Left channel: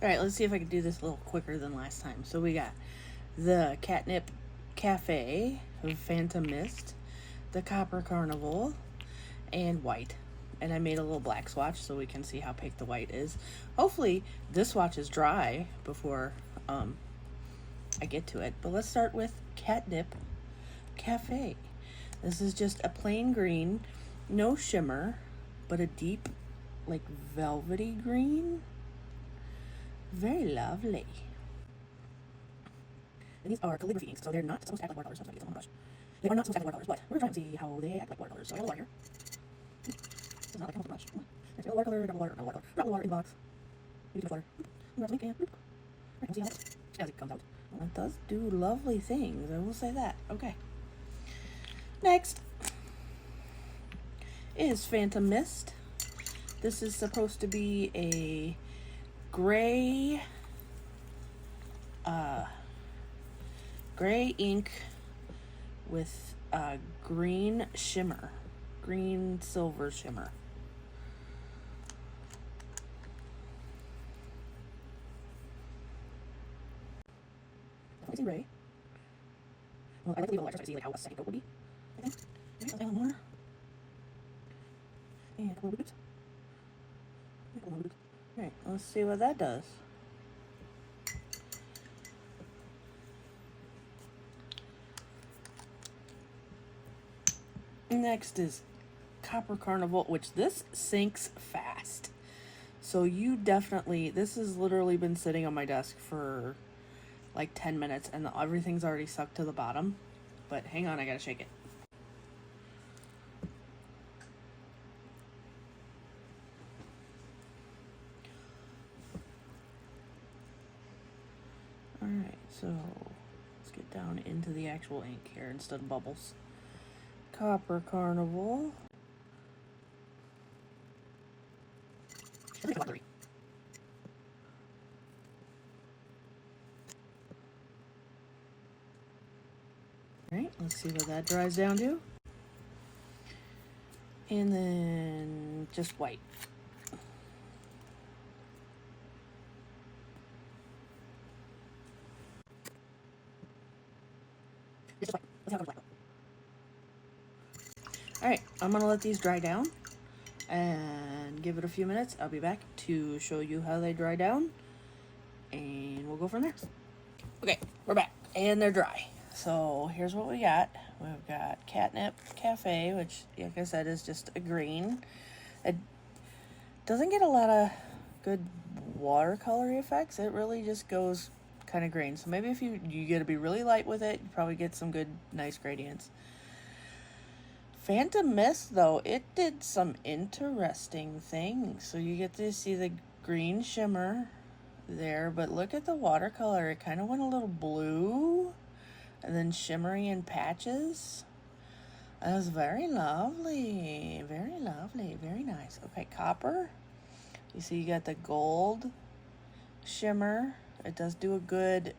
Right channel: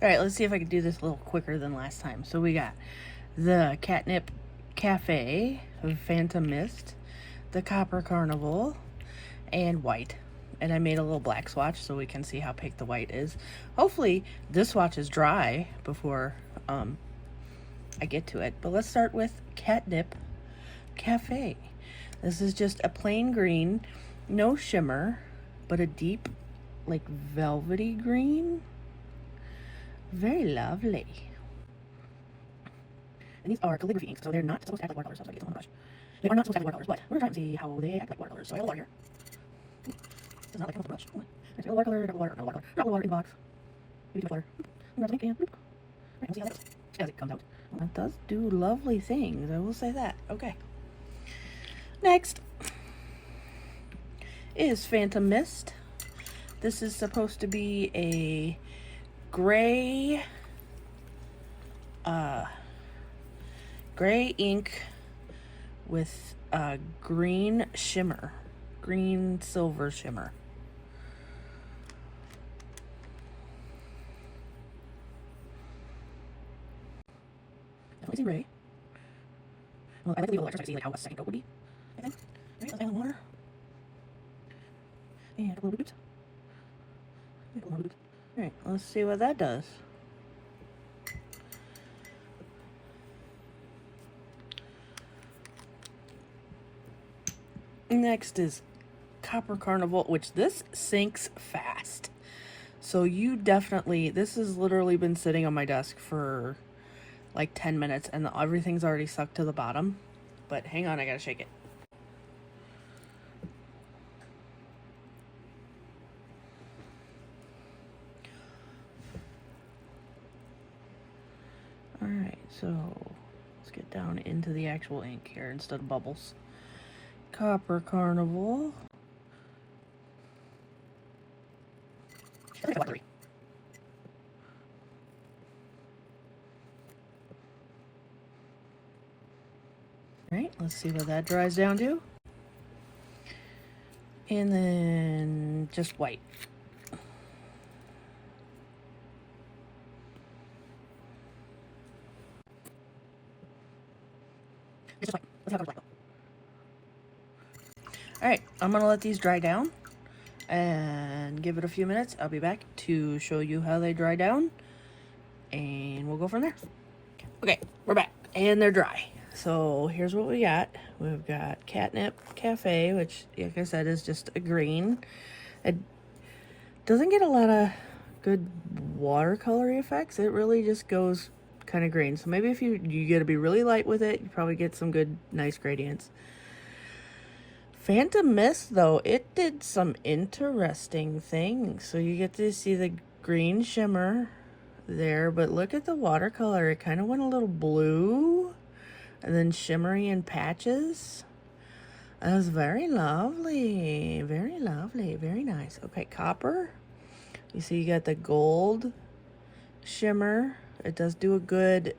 All right, let's see if I can do this a little quicker than last time. So we got the Catnip Cafe, Phantom Mist, the Copper Carnival, and white. And I made a little black swatch so we can see how pink the white is. Hopefully this swatch is dry before I get to it. But let's start with Catnip Cafe. This is just a plain green, no shimmer, but a deep, like velvety green. Very lovely. And these are calligraphy inks, so they're not supposed to act like watercolors, so I'm going to get some on the brush. They are not supposed to act like watercolors, but we're going to try and see how they act like watercolors. So I have a water here. This is not like coming from the brush. There's a watercolor, drop of water, not watercolor, drop of water in the box. Maybe too much water. Grab some ink and alright, we'll see how it goes. As it comes out. Well, that does do lovely things, I will say that. Okay. Next is Phantom Mist. This is supposed to be a gray gray ink with a green shimmer, green silver shimmer. Definitely seem gray. Well, I like to leave a little extra so I can see like how a second coat would be, I think. Alright, let's add a little water. And a couple little bit. Alright, let's see what that does. Next is Copper Carnival, which this sinks fast. So you definitely, this has literally been sitting on my desk for like 10 minutes and everything's already sucked to the bottom. But hang on, I gotta shake it. Alright, so let's get down into the actual ink here instead of bubbles. Copper Carnival. Alright, let's see what that dries down to. And then just white. It's just white. Let's see how it goes black. Alright, I'm gonna let these dry down and give it a few minutes. I'll be back to show you how they dry down and we'll go from there. Okay, we're back and they're dry. So here's what we got. We've got Catnip Cafe, which like I said is just a green. It doesn't get a lot of good watercolor effects. It really just goes kind of green. So maybe if you gotta be really light with it, you probably get some good nice gradients. Phantom Mist, though, it did some interesting things. So you get to see the green shimmer there, but look at the watercolor. It kind of went a little blue and then shimmery in patches. That was very lovely. Very lovely. Very nice. Okay, copper. You see you got the gold shimmer. It does do a good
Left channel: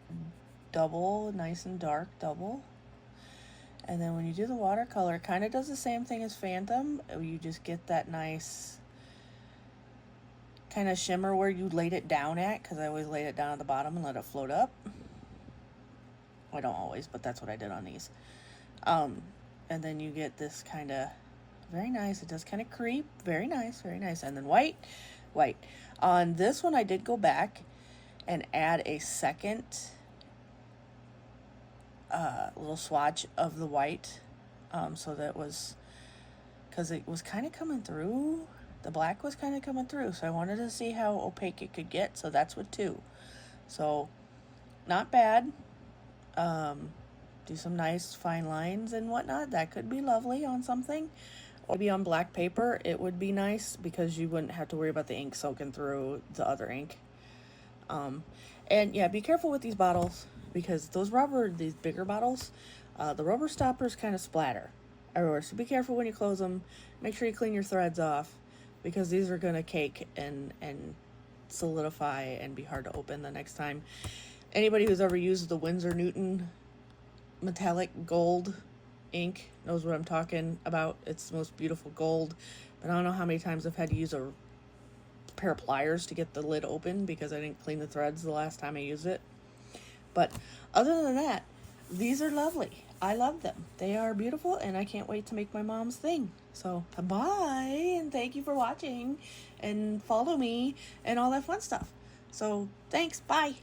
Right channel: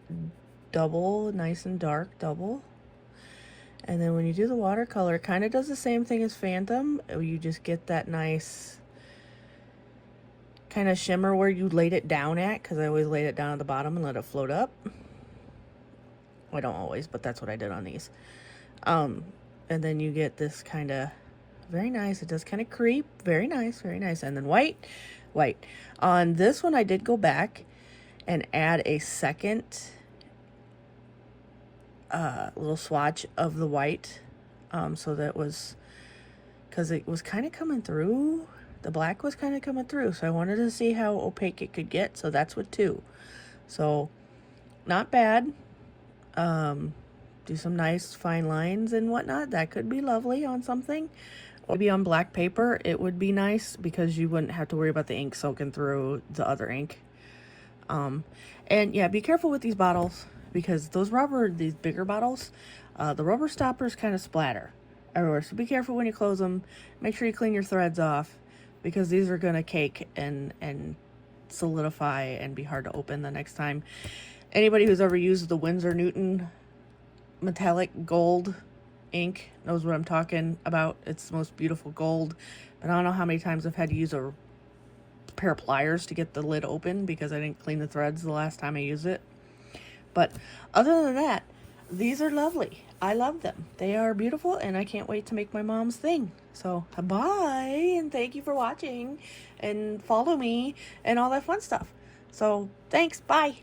double, nice and dark double. And then when you do the watercolor, it kind of does the same thing as Phantom. You just get that nice kind of shimmer where you laid it down at, because I always laid it down at the bottom and let it float up. I don't always, but that's what I did on these. And then you get this kind of very nice. It does kind of creep. Very nice, very nice. And then white. On this one, I did go back and add a second little swatch of the white, so that was, because it was kind of coming through, the black was kind of coming through, so I wanted to see how opaque it could get, so that's with two. So not bad. Do some nice fine lines and whatnot. That could be lovely on something. Maybe on black paper it would be nice, because you wouldn't have to worry about the ink soaking through the other ink. And yeah, be careful with these bottles, because these bigger bottles, the rubber stoppers kind of splatter everywhere. So be careful when you close them. Make sure you clean your threads off, because these are gonna cake and solidify and be hard to open the next time. Anybody who's ever used the Winsor Newton metallic gold ink knows what I'm talking about. It's the most beautiful gold, but I don't know how many times I've had to use a pair of pliers to get the lid open because I didn't clean the threads the last time I used it. But other than that, these are lovely. I love them. They are beautiful, and I can't wait to make my mom's thing. So, bye, and thank you for watching, and follow me, and all that fun stuff. So, thanks, bye.